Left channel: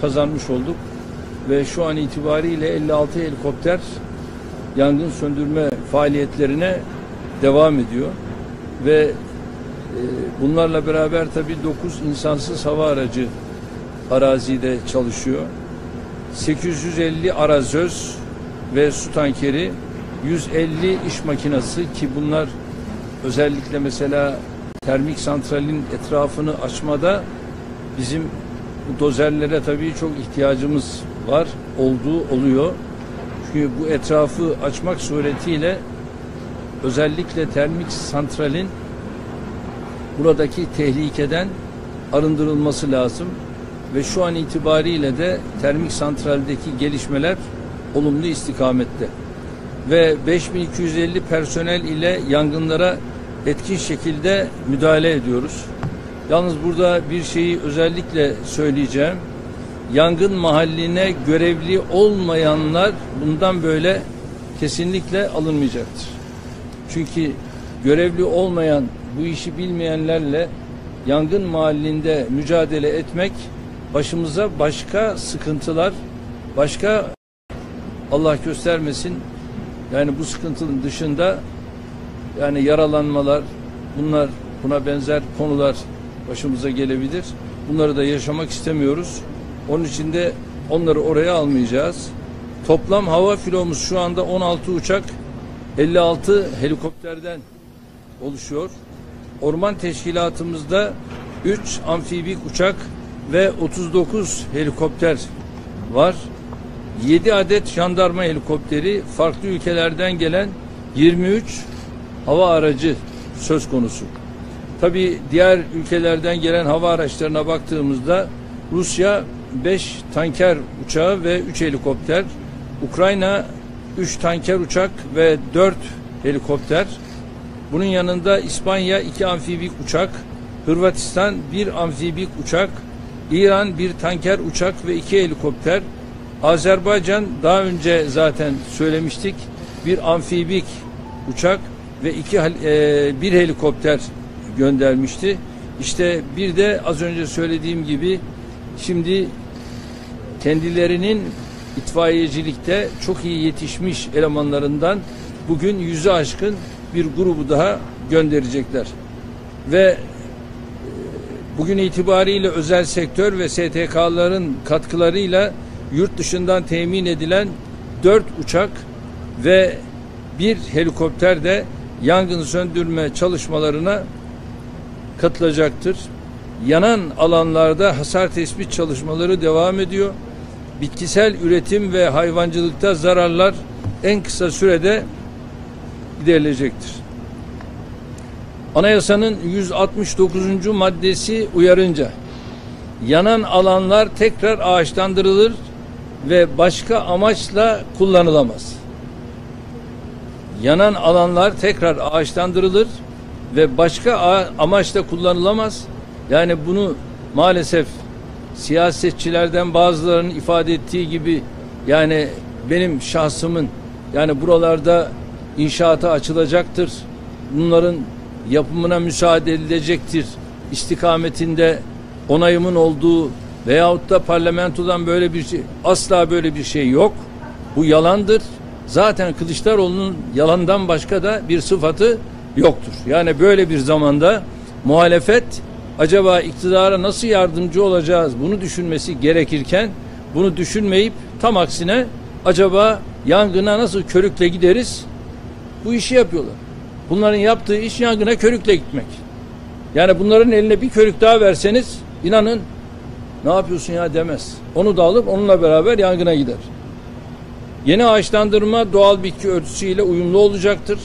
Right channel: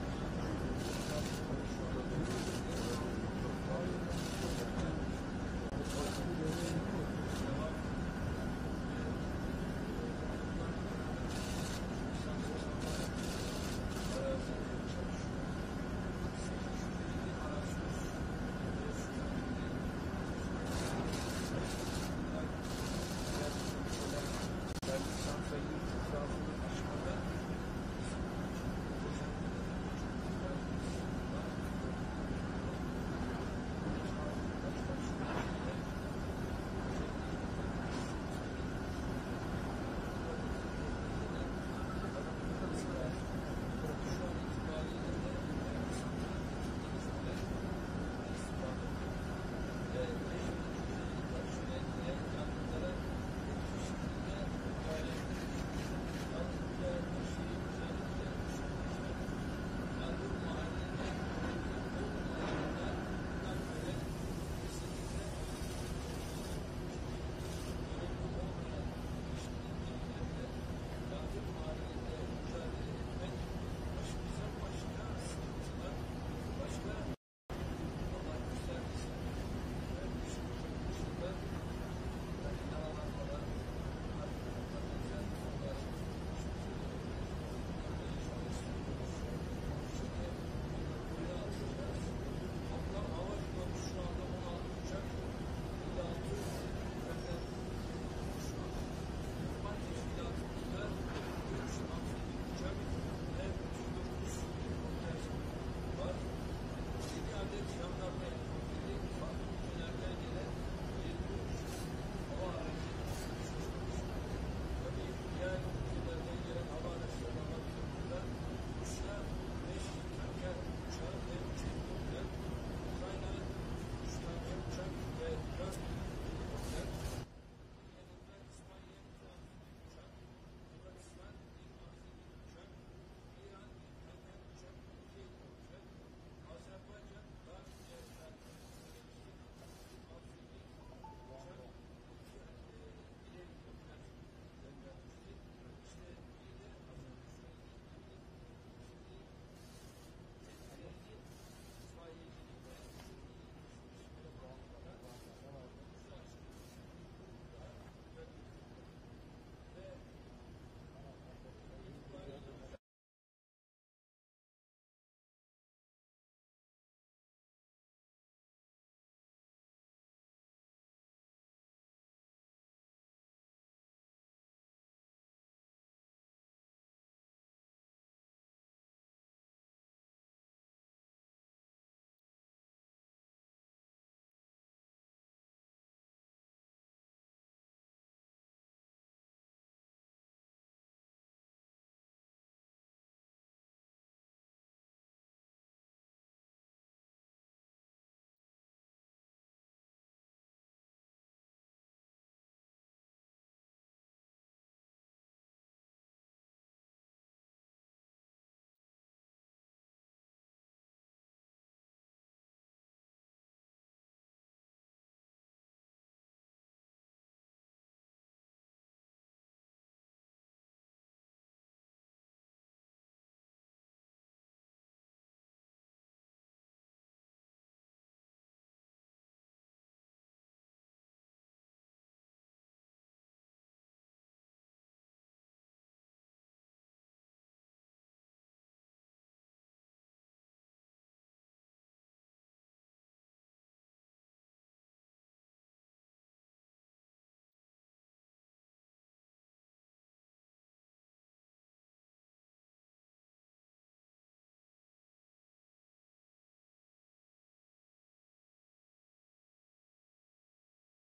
kazanmış olduk. Ve şu an itibariyle 56 helikopter yangın söndürme faaliyetlerine devam ediyor. Ve bunlarla beraber tabii 9 insansız hava aracı arazide çalışıyor. 850 arazöz ve su tankeri, 150 iş makinesi ki bunlar özellikle mesela termik santralin etrafını açmada bizim bu dozerlere tabii çok ihtiyacımız var, oluyor. Çünkü bu etrafı açmak suretiyle özellikle termik santralin buradaki tehlikeden arındırılması lazım. Ve şu an itibariyle de termik santraldeki gelişmeler olumlu istikamette. Ve 5250 personel ile yangınlara etkin şekilde müdahale ediyoruz. Yalnız burada bir şeyi özellikle söyleyeceğim. Yangın mahalline görevli olmayanlar bundan böyle kesinlikle alınmayacaktır. Çünkü görevli olmayan, bu işi bilmeyenlerle yangın mahallinde mücadele etmek başımıza başka sıkıntılar, başka Allah göstermesin, yani bu sıkıntının dışında yani yaralanmalar, buna benzer konular başımıza gelebilir. Bunları da yaşamak istemiyoruz. Onun için de onları oraya almayacağız. Toplam hava filomuz şu anda 16 uçak, 56 helikopterden oluşuyor. Orman teşkilatımızda 3 amfibik uçak ve 39 helikopter var. 7 adet jandarma helikopteri, farklı ülkelerden gelen 23 hava aracı söz konusu. Tabii diğer ülkelerden gelen hava araçlarına baktığımızda Rusya 5 tanker uçağı ve 3 helikopter, Ukrayna 3 tanker uçak ve 4 helikopter. Bunun yanında İspanya 2 amfibik uçak, Hırvatistan 1 amfibik uçak, İran 1 tanker uçak ve 2 helikopter, Azerbaycan daha önce zaten söylemiştik 1 amfibik uçak ve 1 helikopter göndermişti. İşte bir de az önce söylediğim gibi şimdi kendilerinin itfaiyecilikte çok iyi yetişmiş elemanlarından bugün 100'ü aşkın bir grubu daha gönderecekler. Ve bugün itibariyle özel sektör ve STK'ların katkılarıyla yurt dışından temin edilen 4 uçak ve 1 helikopter de yangın söndürme çalışmalarına katılacaktır. Yanan alanlarda hasar tespit çalışmaları devam ediyor. Bitkisel üretim ve hayvancılıkta zararlar en kısa sürede giderilecektir. Anayasanın 169. maddesi uyarınca yanan alanlar tekrar ağaçlandırılır ve başka amaçla kullanılamaz. Yanan alanlar tekrar ağaçlandırılır ve başka amaçla kullanılamaz. Yani bunu maalesef siyasetçilerden bazılarının ifade ettiği gibi yani benim şahsımın yani buralarda inşaata açılacaktır, bunların yapımına müsaade edilecektir istikametinde onayımın olduğu veyahut da parlamentodan böyle bir şey, asla böyle bir şey yok. Bu yalandır. Zaten Kılıçdaroğlu'nun yalandan başka da bir sıfatı yoktur. Yani böyle bir zamanda muhalefet acaba iktidara nasıl yardımcı olacağız bunu düşünmesi gerekirken bunu düşünmeyip tam aksine acaba yangına nasıl körükle gideriz bu işi yapıyorlar. Bunların yaptığı iş yangına körükle gitmek. Yani bunların eline bir körük daha verseniz inanın ne yapıyorsun ya demez. Onu da alıp onunla beraber yangına gider. Yeni ağaçlandırma doğal bitki örtüsüyle uyumlu olacaktır.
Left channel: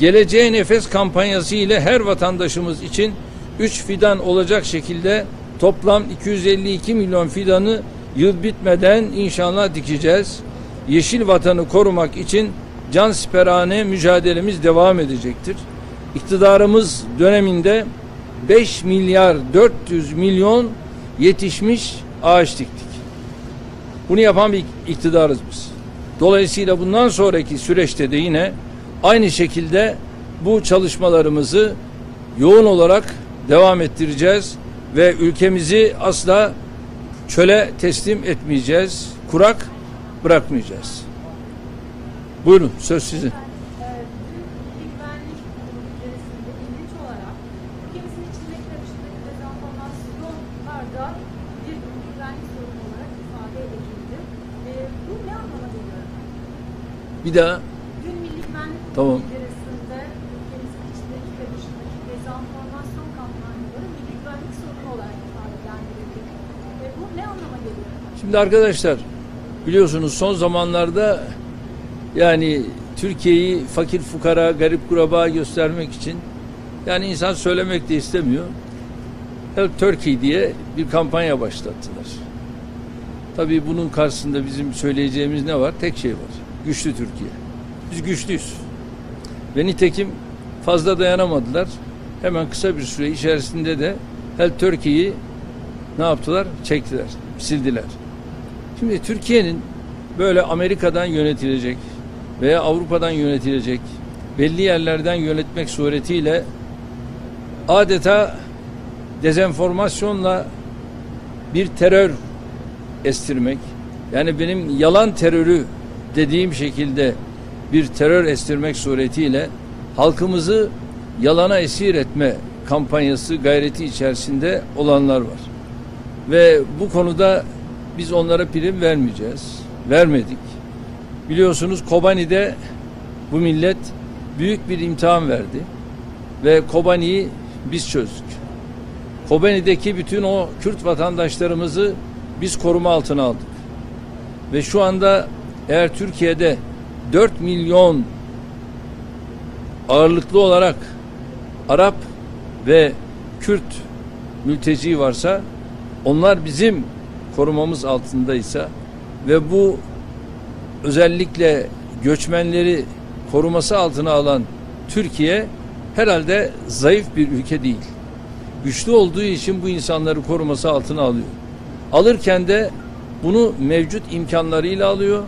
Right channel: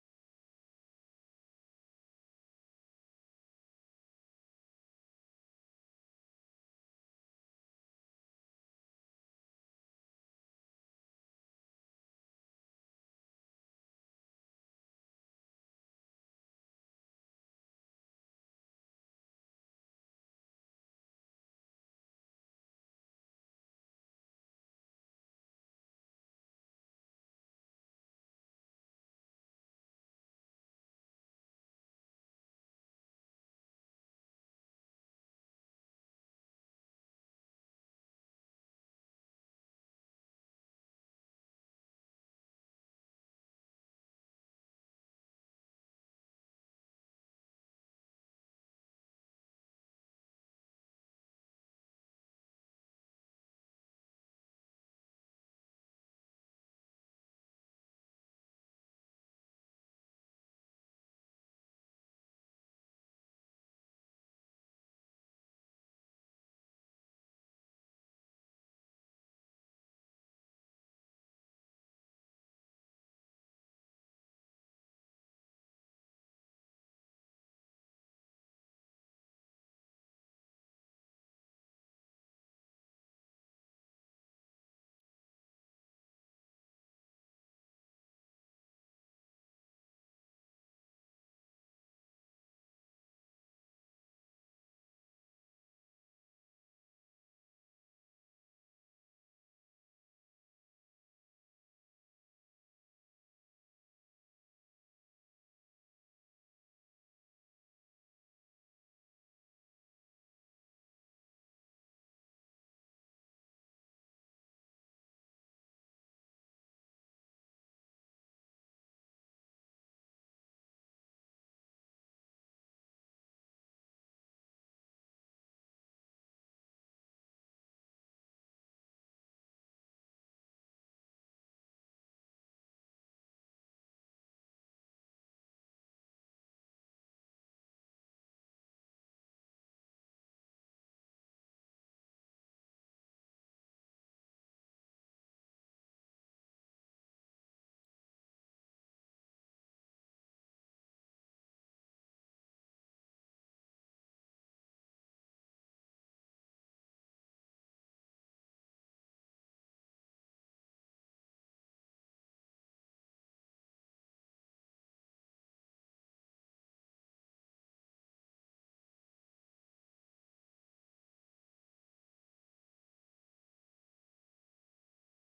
Geleceğe Nefes kampanyası ile her vatandaşımız için 3 fidan olacak şekilde toplam 252 milyon fidanı yıl bitmeden inşallah dikeceğiz. Yeşil vatanı korumak için cansiperane mücadelemiz devam edecektir. İktidarımız döneminde 5 milyar 400 milyon yetişmiş ağaç diktik. Bunu yapan bir iktidarız biz. Dolayısıyla bundan sonraki süreçte de yine aynı şekilde bu çalışmalarımızı yoğun olarak devam ettireceğiz ve ülkemizi asla çöle teslim etmeyeceğiz, kurak bırakmayacağız. Buyurun, söz sizin. Güvenlik içerisinde ilginç olarak ülkemizin içindeki karışıklık dezenformasyonlarda bir güvenlik sorunu olarak ifade edildi. Bu ne anlama geliyor? Bir daha. Dün Milli Güvenlik Tamam. içerisinde ülkemizin içindeki karışıklık dezenformasyon kampanyaları milli güvenlik sorunu olarak ifadelendirildi. Bu ne anlama geliyor? Şimdi arkadaşlar, biliyorsunuz son zamanlarda yani Türkiye'yi fakir fukara, garip kuraba göstermek için yani insan söylemek de istemiyor. Help Turkey diye bir kampanya başlattılar. Tabii bunun karşısında bizim söyleyeceğimiz ne var? Tek şey var. Güçlü Türkiye. Biz güçlüyüz. Ve nitekim fazla dayanamadılar. Hemen kısa bir süre içerisinde de Help Turkey'yi ne yaptılar? Çektiler, sildiler. Şimdi Türkiye'nin böyle Amerika'dan yönetilecek veya Avrupa'dan yönetilecek belli yerlerden yönetmek suretiyle adeta dezenformasyonla bir terör estirmek, yani benim yalan terörü dediğim şekilde bir terör estirmek suretiyle halkımızı yalana esir etme kampanyası gayreti içerisinde olanlar var. Ve bu konuda biz onlara prim vermeyeceğiz. Vermedik. Biliyorsunuz Kobani'de bu millet büyük bir imtihan verdi. Ve Kobani'yi biz çözdük. Kobani'deki bütün o Kürt vatandaşlarımızı biz koruma altına aldık. Ve şu anda eğer Türkiye'de 4 milyon ağırlıklı olarak Arap ve Kürt mülteci varsa, onlar bizim korumamız altındaysa ve bu özellikle göçmenleri koruması altına alan Türkiye herhalde zayıf bir ülke değil. Güçlü olduğu için bu insanları koruması altına alıyor. Alırken de bunu mevcut imkanlarıyla alıyor.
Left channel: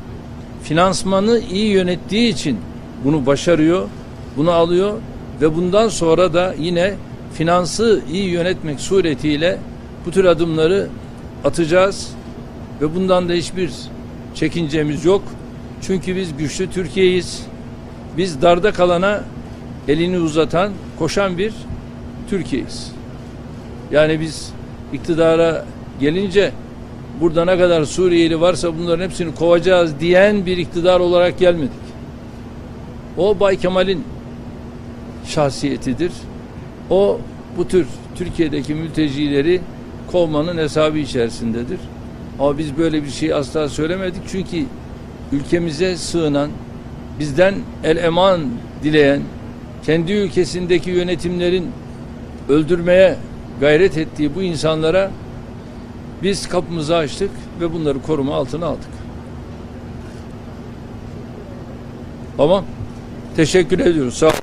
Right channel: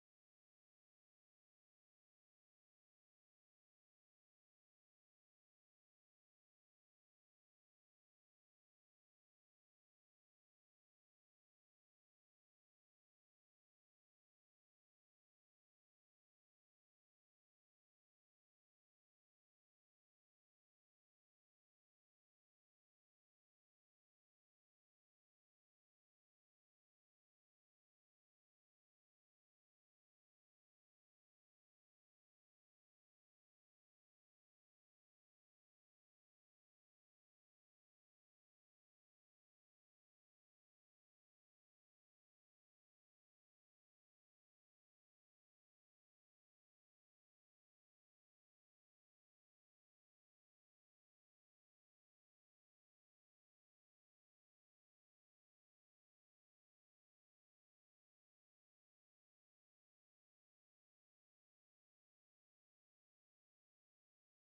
Finansmanı iyi yönettiği için bunu başarıyor, bunu alıyor ve bundan sonra da yine finansı iyi yönetmek suretiyle bu tür adımları atacağız ve bundan da hiçbir çekincemiz yok. Çünkü biz güçlü Türkiye'yiz. Biz darda kalana elini uzatan, koşan bir Türkiye'yiz. Yani biz iktidara gelince burada ne kadar Suriyeli varsa bunların hepsini kovacağız diyen bir iktidar olarak gelmedik. O Bay Kemal'in şahsiyetidir. O bu tür Türkiye'deki mültecileri kovmanın hesabı içerisindedir. Ama biz böyle bir şey asla söylemedik. Çünkü ülkemize sığınan, bizden el eman dileyen, kendi ülkesindeki yönetimlerin öldürmeye gayret ettiği bu insanlara biz kapımızı açtık ve bunları koruma altına aldık. Tamam. Teşekkür ediyoruz. Sağ olun.